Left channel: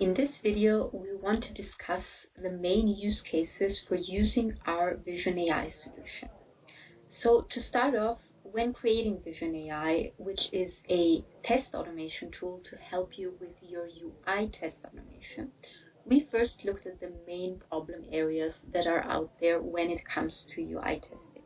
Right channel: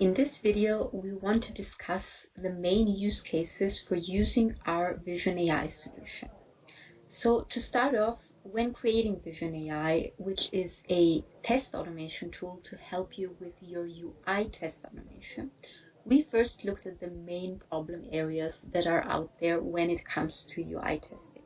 In this video, we want to discuss the main use cases for using our Vision AI solution. So to start off, when creating Vision AI, which is a test automation tool to help you with your UI test automation, we first looked at the main problem areas that are out there when it comes to UI testing.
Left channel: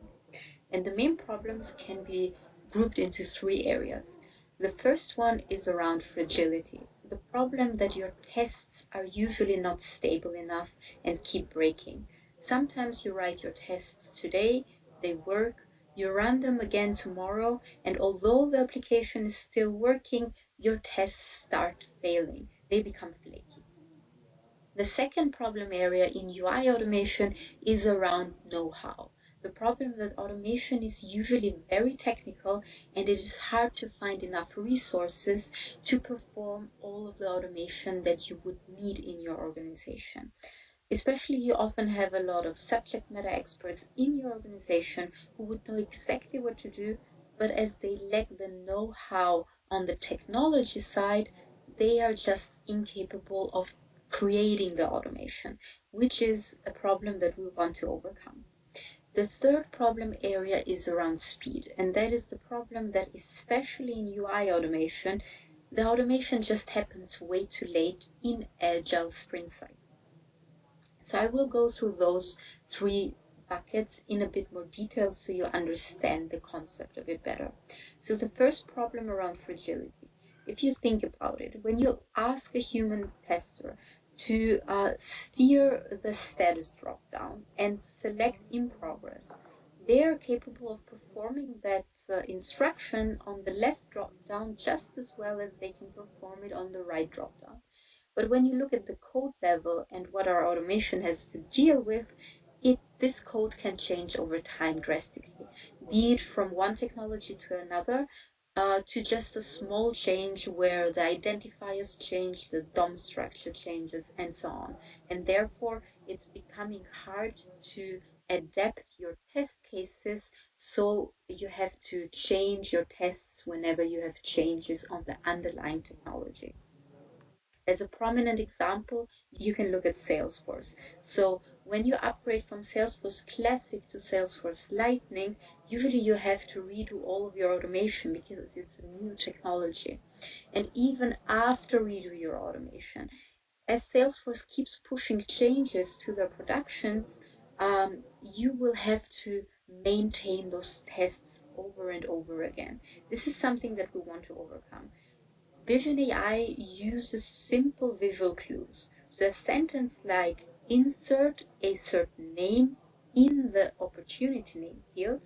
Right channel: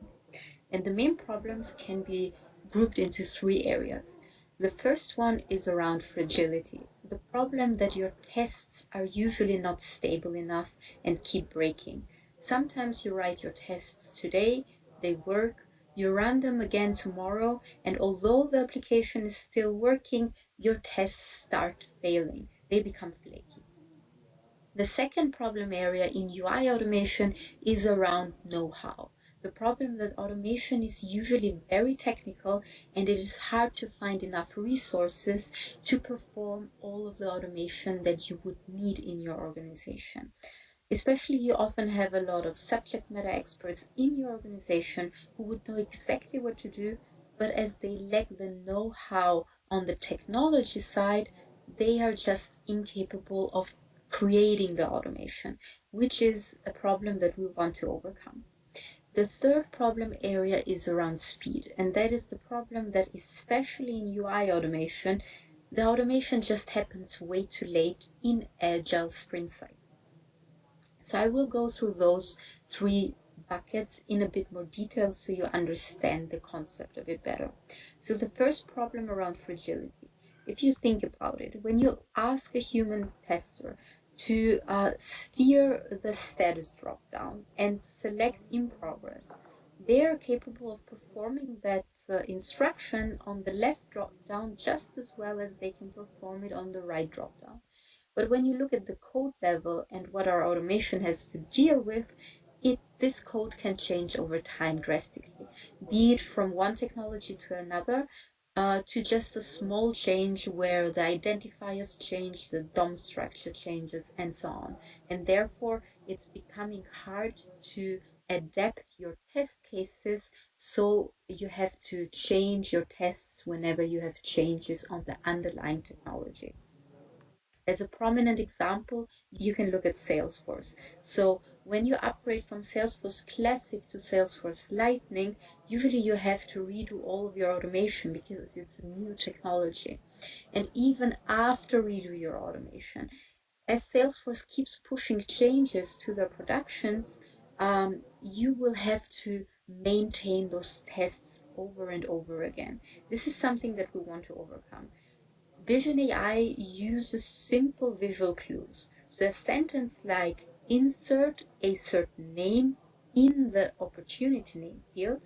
And the main problems can be grouped into three areas. The first one is around fragility, the problem that your tests are usually not stable enough and keep breaking. Sometimes you write your tests today, they work, you run them again tomorrow, and although the application is still working, your tests start failing. They become flaky. The second problem area in UI automation is around know-how. The problem that automation is usually very technical and it is hard to find enough resources to perform all of the automation that you would need in your organization. Especially, you often have a lot of subject matter experts in your organization who would know exactly what to do, but as they lack the know-how on the technology side, they are just incapable of creating the automation, which is a problem that we want to overcome. The third problem area is around speed, and that is the problem that especially in UI automation, the automation just happens way too late in agile sprint cycles. So I will go through those three buckets in a bit more detail so you understand the concept a bit better. So the first problem around fragility. If you think about it, when you ask a human tester to steer the status dropdown and select in progress, they are capable of performing that instruction on the left dropdown just as well as they can perform it on the right dropdown. But when you look at the code level and what our automation has to deal with, this code can change over time drastically, be it from one technology to another, to just a small change where the identifiers change, the DOM structure changes, and so on. And therefore, it's becoming hard to adapt your test cases, so you have to change your tests whenever you have changes on the underlying technology. As a prominent example, you can look at Salesforce. So when you upgrade from Salesforce Classic to Salesforce Lightning, usually you have to redo all of your automation because it's a new technology. And even after redo your automation, as Salesforce keeps pushing changes to their productions, you will have to maintain those tests over and over again. This is something that we want to overcome. Vision AI uses simple visual clues. So a sentence like insert a certain name in the opportunity name field,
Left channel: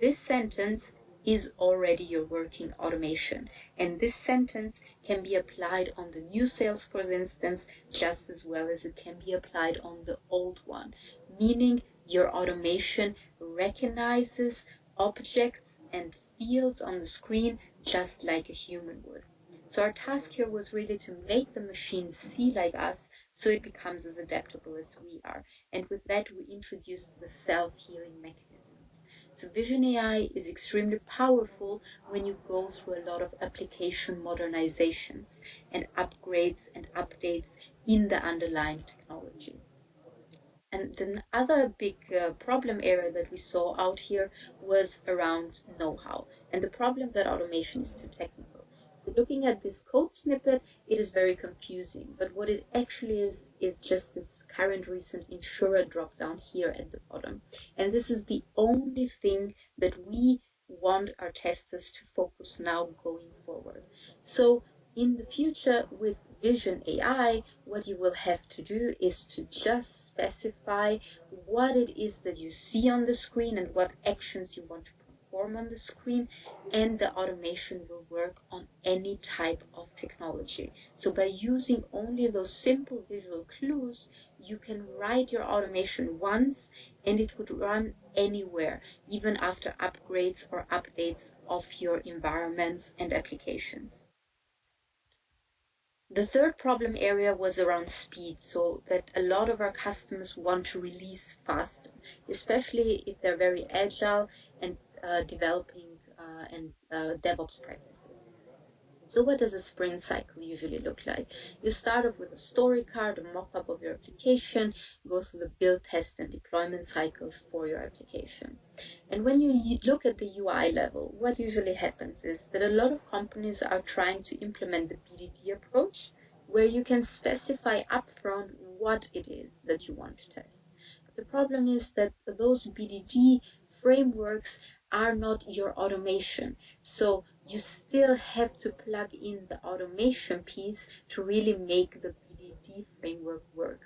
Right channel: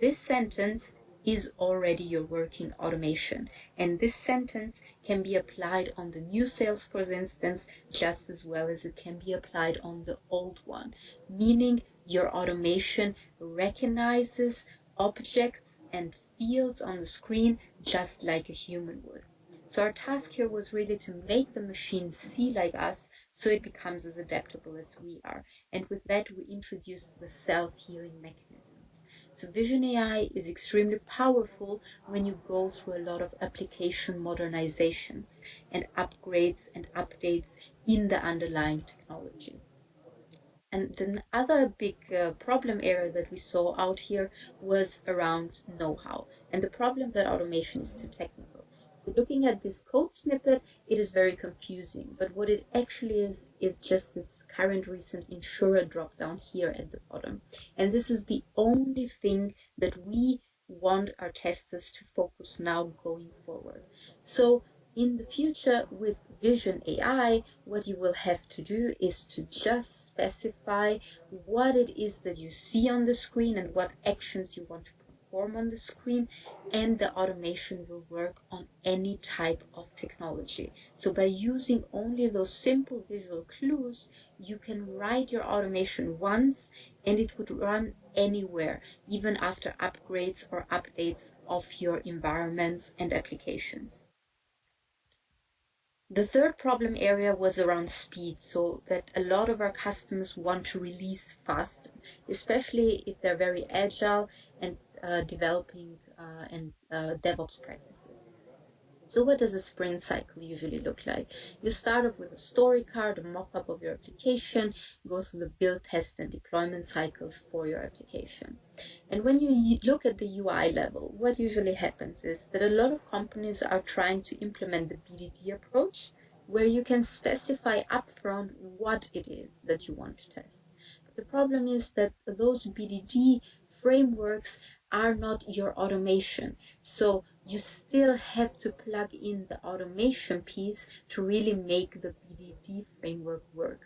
this sentence is already your working automation. And this sentence can be applied on the new Salesforce instance just as well as it can be applied on the old one, meaning your automation recognizes objects and fields on the screen just like a human would. So our task here was really to make the machine see like us so it becomes as adaptable as we are. And with that, we introduced the self-healing mechanisms. So Vision AI is extremely powerful when you go through a lot of application modernizations and upgrades and updates in the underlying technology. And the other big problem area that we saw out here was around know-how and the problem that automation is too technical. So looking at this code snippet, it is very confusing, but what it actually is just this current recent insurer dropdown here at the bottom. And this is the only thing that we want our testers to focus now going forward. So in the future with Vision AI, what you will have to do is to just specify what it is that you see on the screen and what actions you want to perform on the screen, and the automation will work on any type of technology. So by using only those simple visual clues, you can write your automation once and it would run anywhere, even after upgrades or updates of your environments and applications. The third problem area was around speed, so that a lot of our customers want to release faster, especially if they're very agile and developing and DevOps practices. So what does a sprint cycle usually look like? You start off with a story card, a mock-up of your application, go through the build, test, and deployment cycles for your application. And when you look at the UI level, what usually happens is that a lot of companies are trying to implement the BDD approach, where you can specify upfront what it is that you want to test. But the problem is that those BDD frameworks are not your automation. So you still have to plug in the automation piece to really make the BDD framework work.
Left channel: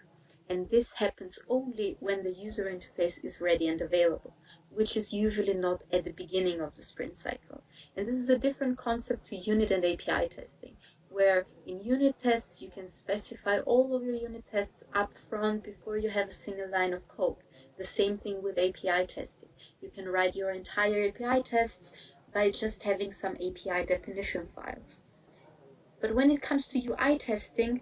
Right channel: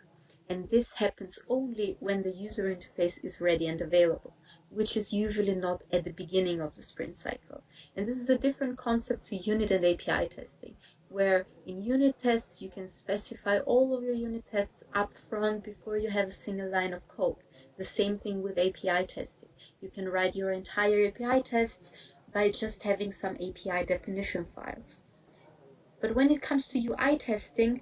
And this happens only when the user interface is ready and available, which is usually not at the beginning of the sprint cycle. And this is a different concept to unit and API testing, where in unit tests you can specify all of your unit tests up front before you have a single line of code. The same thing with API testing. You can write your entire API tests by just having some API definition files. But when it comes to UI testing,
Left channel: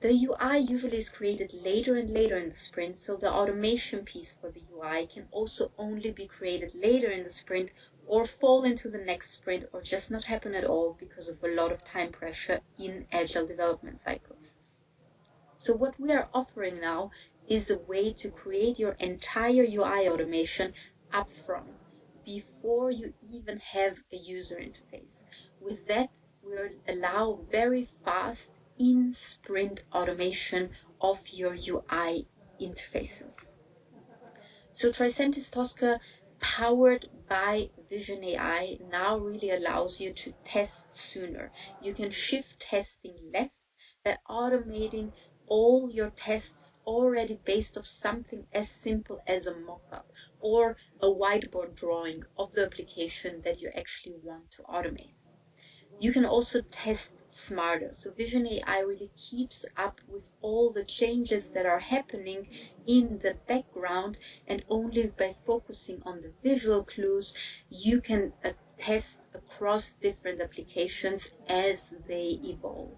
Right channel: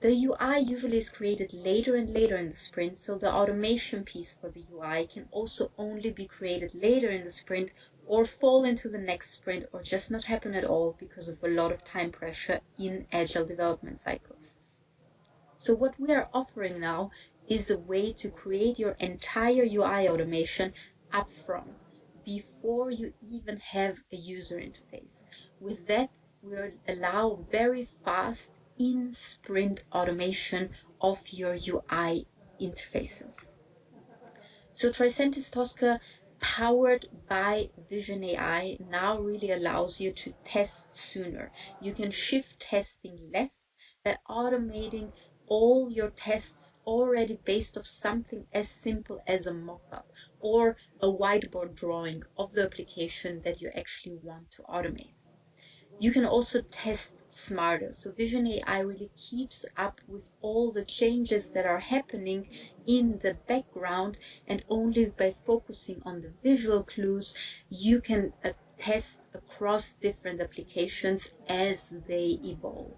the UI usually is created later and later in the sprint, so the automation piece for the UI can also only be created later in the sprint or fall into the next sprint or just not happen at all because of a lot of time pressure in agile development cycles. So what we are offering now is a way to create your entire UI automation upfront before you even have a user interface. With that, we'll allow very fast in-sprint automation of your UI interfaces. So Tricentis Tosca, powered by Vision AI, now really allows you to test sooner. You can shift testing left by automating all your tests already based off something as simple as a mock-up or a whiteboard drawing of the application that you actually want to automate. You can also test smarter. So Vision AI really keeps up with all the changes that are happening in the background, and only by focusing on the visual clues, you can test across different applications as they evolve.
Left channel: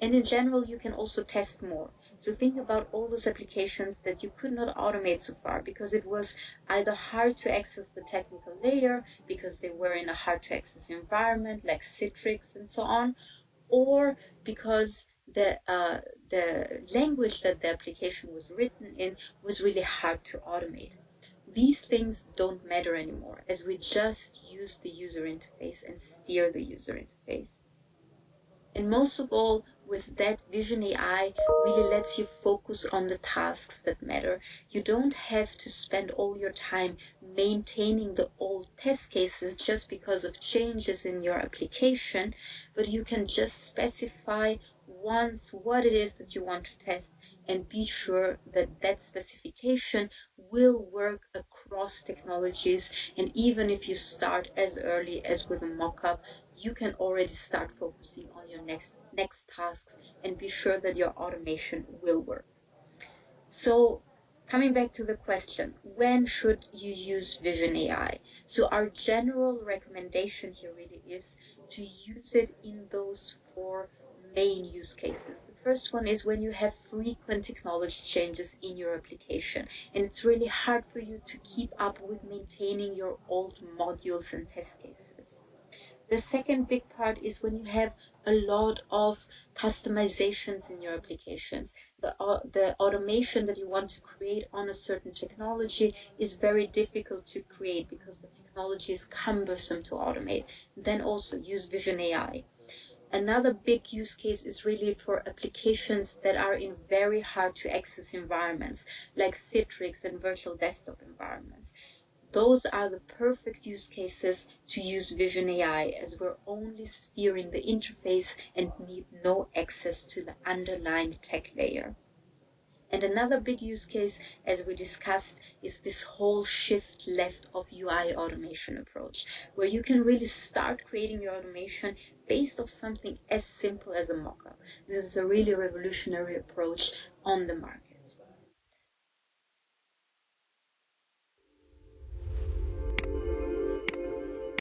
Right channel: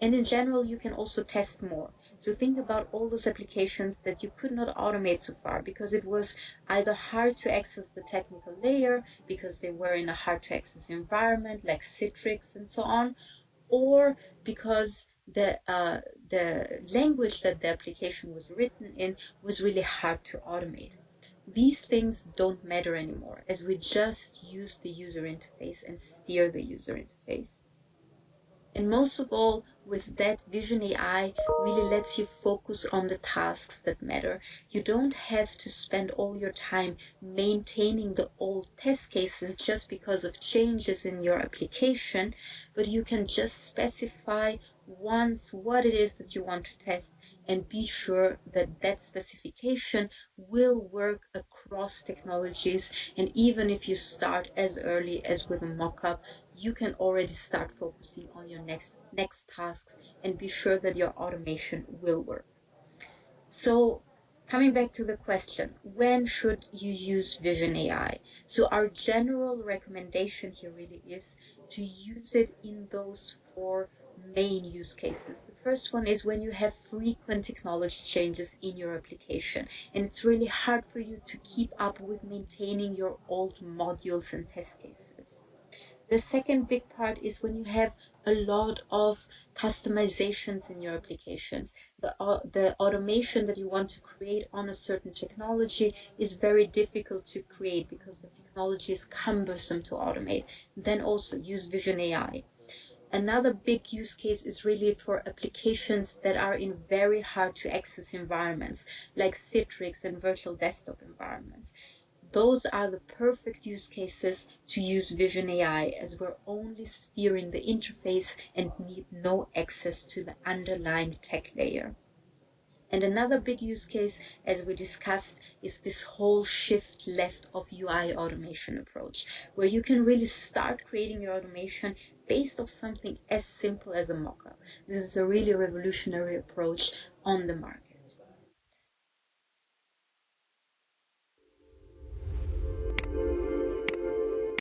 And in general, you can also test more. So think about all those applications that you could not automate so far because it was either hard to access the technical layer because they were in a hard to access environment like Citrix and so on, or because the language that the application was written in was really hard to automate. These things don't matter anymore as we just use the user interface and steer the user interface. And most of all, with that, Vision AI really lets you focus on the tasks that matter. You don't have to spend all your time maintaining the old test cases just because of changes in your application, but you can just specify once what it is that you want to test and be sure that that specification will work across technologies. And even if you start as early as with a mock-up, you can already start focusing on your next tasks and be sure that your automation will work. So coming back to the question, when should you use Vision AI? So our general recommendation here really is to use it in those 4 main use cases. The first one is when you have frequent technology changes in your application and it's really hard for you to keep up with maintaining your old modules and test cases. The second big part is when you have a lot of customizations in your applications. The automation that you want to create on a certain technology is very difficult to create because the technology is cumbersome to automate. Then also use Vision AI. Another big use case is really for applications that are in very hard to access environments like Citrix and virtual desktop environments. Those are the perfect use cases to use Vision AI as we're only steering the interface and need no access to the underlying tech layer. And another big use case, as we discussed, is this whole shift left of UI automation approach, where you can really start creating your automation based off something as simple as a mockup. This is a really revolutionary approach on the market.